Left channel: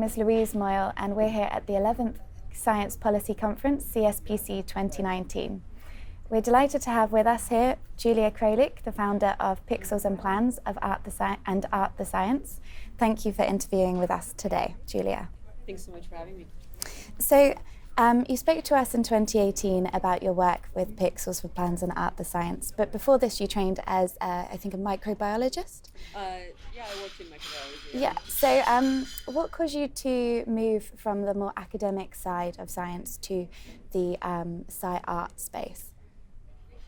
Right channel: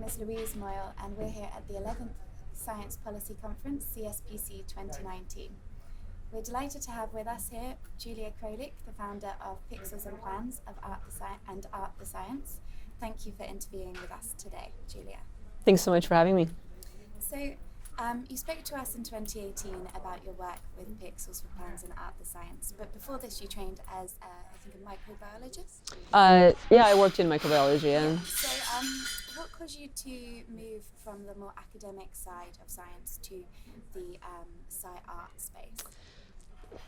name is Louise Moyle and we're here at the 11th Science Policy Conference, CSPC 2019. We're delighted to have with us here Julia Krolik, the founder of Pixels and Plans of Art the Science. Thank you for interviewing with us today, Julia. Thanks so much for having me. So you spoke to us in 2018 about your work with Pixels for Plans and Art the Science, but before this you trained as, I think, a microbiologist? Yeah, I worked in microbiology. Yeah. So what caused you to move from the more academic side of science to the sci-art space?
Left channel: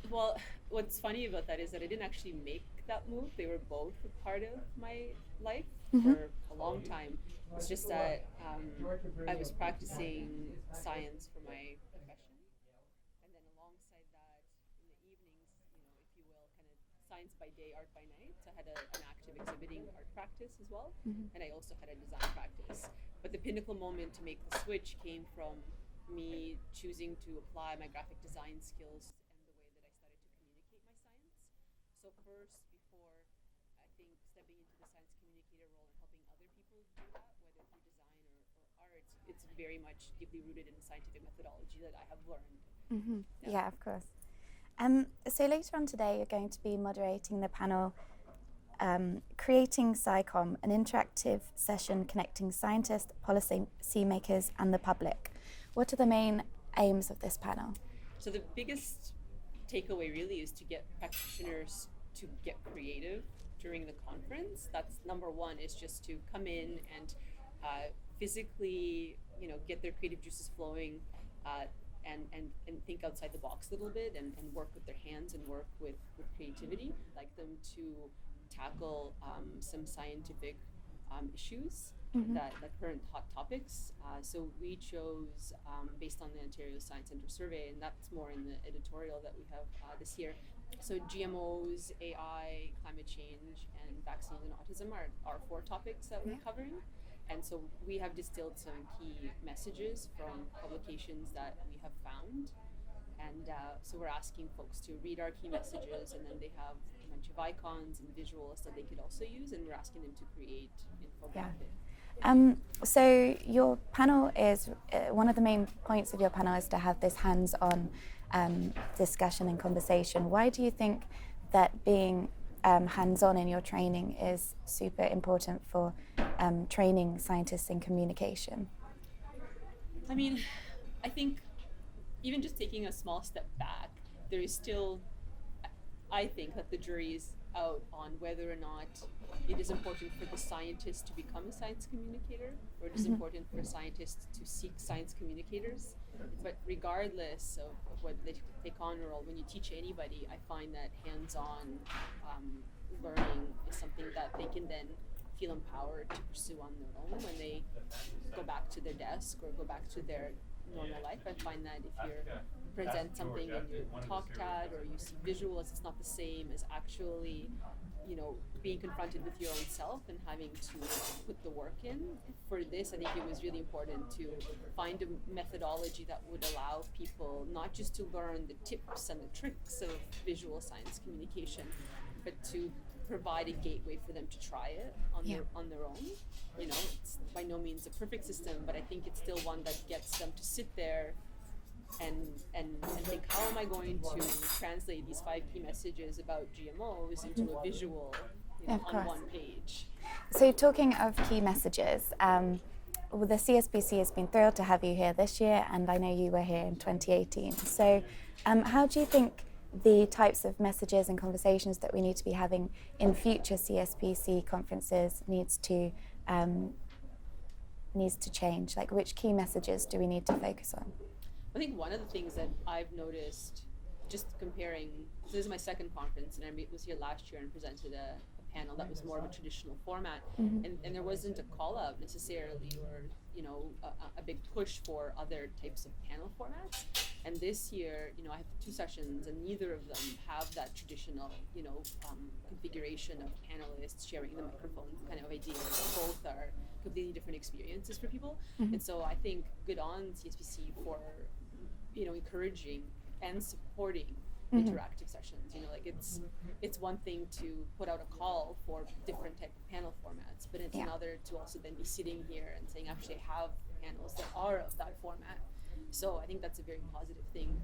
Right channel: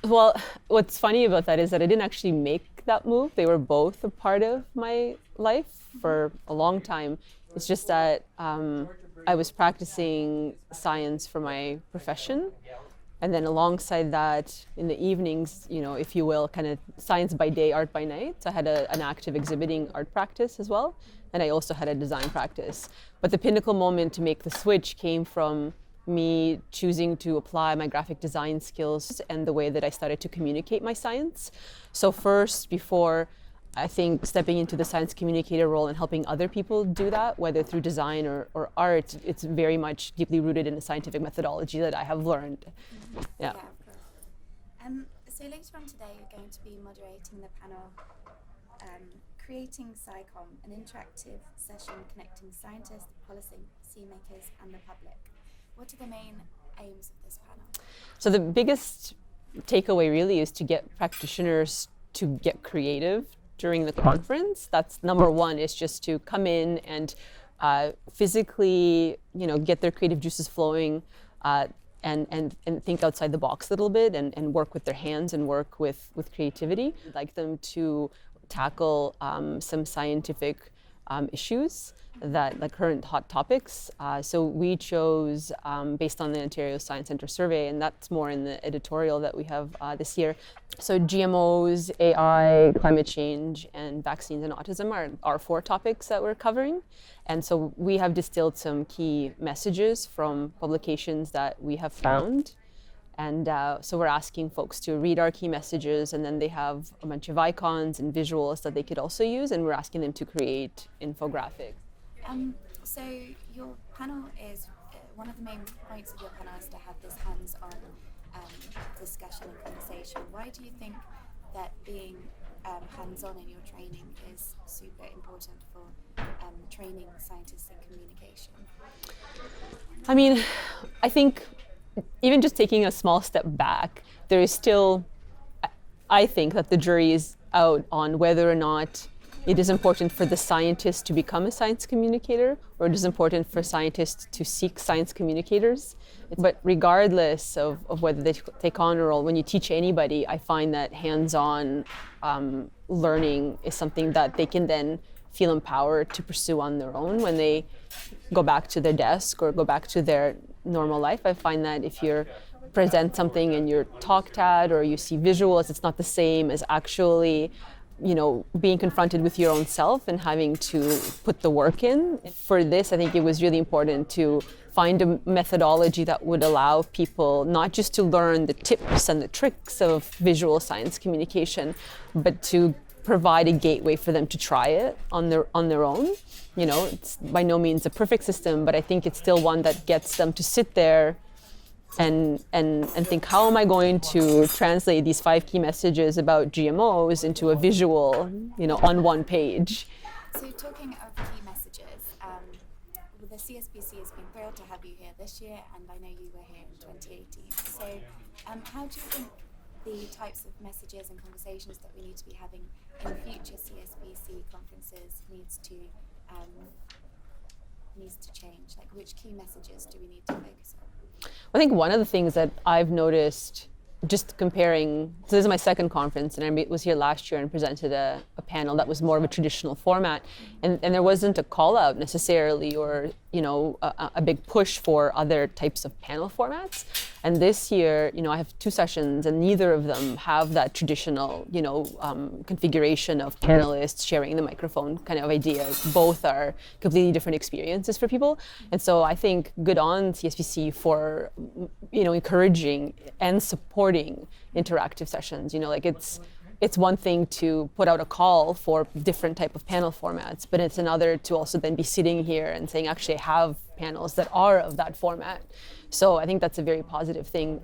Well, what's funny about that is that I didn't actually make that move. They were both a part of my life for a long time. It's just that I was practicing science for my profession. And then alongside that, in the evenings, you know, if you will, kind of science by day, art by night. So I had an active exhibiting art practice as well. And I also had a design practice. But the pinnacle moment to make the switch came from me choosing to apply my graphic design skills and the way that I started to communicate my science. So first, before I think stepping into the science communicator role and helping other people do that, whether through design or art, it's very much deeply rooted in the scientific methodology that I have learned. Yeah, of course. So later on today, you're going to be moderating the panel Creating SciComm, an interactive session connecting scientists, policymakers, and the public. What are the main aims of this panel? So the biggest takeaway really is to get practitioners to get creative during the conference. That's number one, is just to come in and physically, you know, get their creative juices flowing and think outside the box a little bit and work with their hands and work with creativity. I'd like them to tackle some scientific issues that like current hot topics. So we chose based on the Ontario Science Centre survey, and that's more in the editorial that we have this year. So GMOs, AI, climate change, and vaccines and autism are four topics that we're covering. And so we have distilled some key messages from publications that we have found. And so we're asking folks to read our key messages, and then they have a bunch of icons and visuals that they could also use, and we're asking them to create infographics. So your panel is, one of the main points of your panel is to have this hands-on discussion and conversation. Why do you think that being hands-on in your training is super important for training scientists in communication? I mean, I think even just taking a small step back, there is still, I think that the jury is out on whether or not it is important for the scientist to become a science communicator, or it is important for scientists to seek science communicators. But regardless of whether they take on a role, when you teach anybody, I find that hands-on learning is something that they can then feel empowered to pursue on their own when they go back to their desk or go back to their normal life. I find that if you present something and you're talked at or you see visuals, it's not the same as actually, you know, being confronted with your own self and having to put the work in. For this, I think it was really important to find a methodology that would allow people not just to learn the tips and the tricks of visual science communication, but to provide a gateway for them to try it on their own. You know, it's by no means a perfect system, but I think it's still one that gets them to sit there and think, how am I going to translate these 5 key messages about GMOs into a visual, you know, on one page? So talking of key messages, the CSPC has been thrilled to have you here this year, and I know you were here in 2018. So how do you think the types of messages and conversations that we need to be having in future CSPC conferences needs to change? Like, which key messages do we need to focus on? I think one of the things that I've noticed, just comparing, so this is my second conference, and I was here last year and presented a panel that was more of a traditional format, and there wasn't a call out necessarily, or, you know, a big push for other types of panel formats. And this year, you know, I have 2 sessions, and neither of them have that traditional, you know, configuration of panelists sharing the microphone kind of ideas. Both are completely different experiences for people. And so I think good on CSPC for, you know, encouraging and supporting interactive sessions. You know, like it's one thing to put out a call for different type of panel formats, but it's another to also then be sitting here and saying, actually, I have panels that are of that format. So I think that's a very positive thing,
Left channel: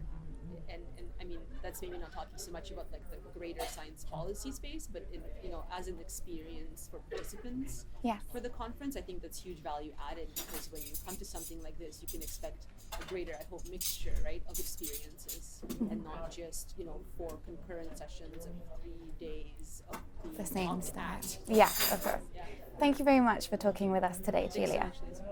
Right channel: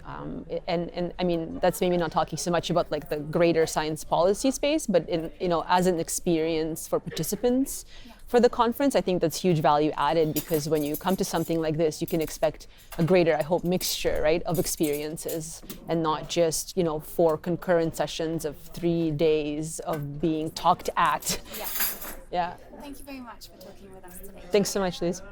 and I mean, that's maybe not talking so much about like the greater science policy space, but in, you know, as an experience for participants for the conference, I think that's huge value added, because when you come to something like this, you can expect a greater, I hope, mixture, right, of experiences, and not just, you know, 4 concurrent sessions of 3 days of being talked at. Yeah, of course. Yeah. Thank you very much for talking with us today. Thanks so Julia. much, Louise.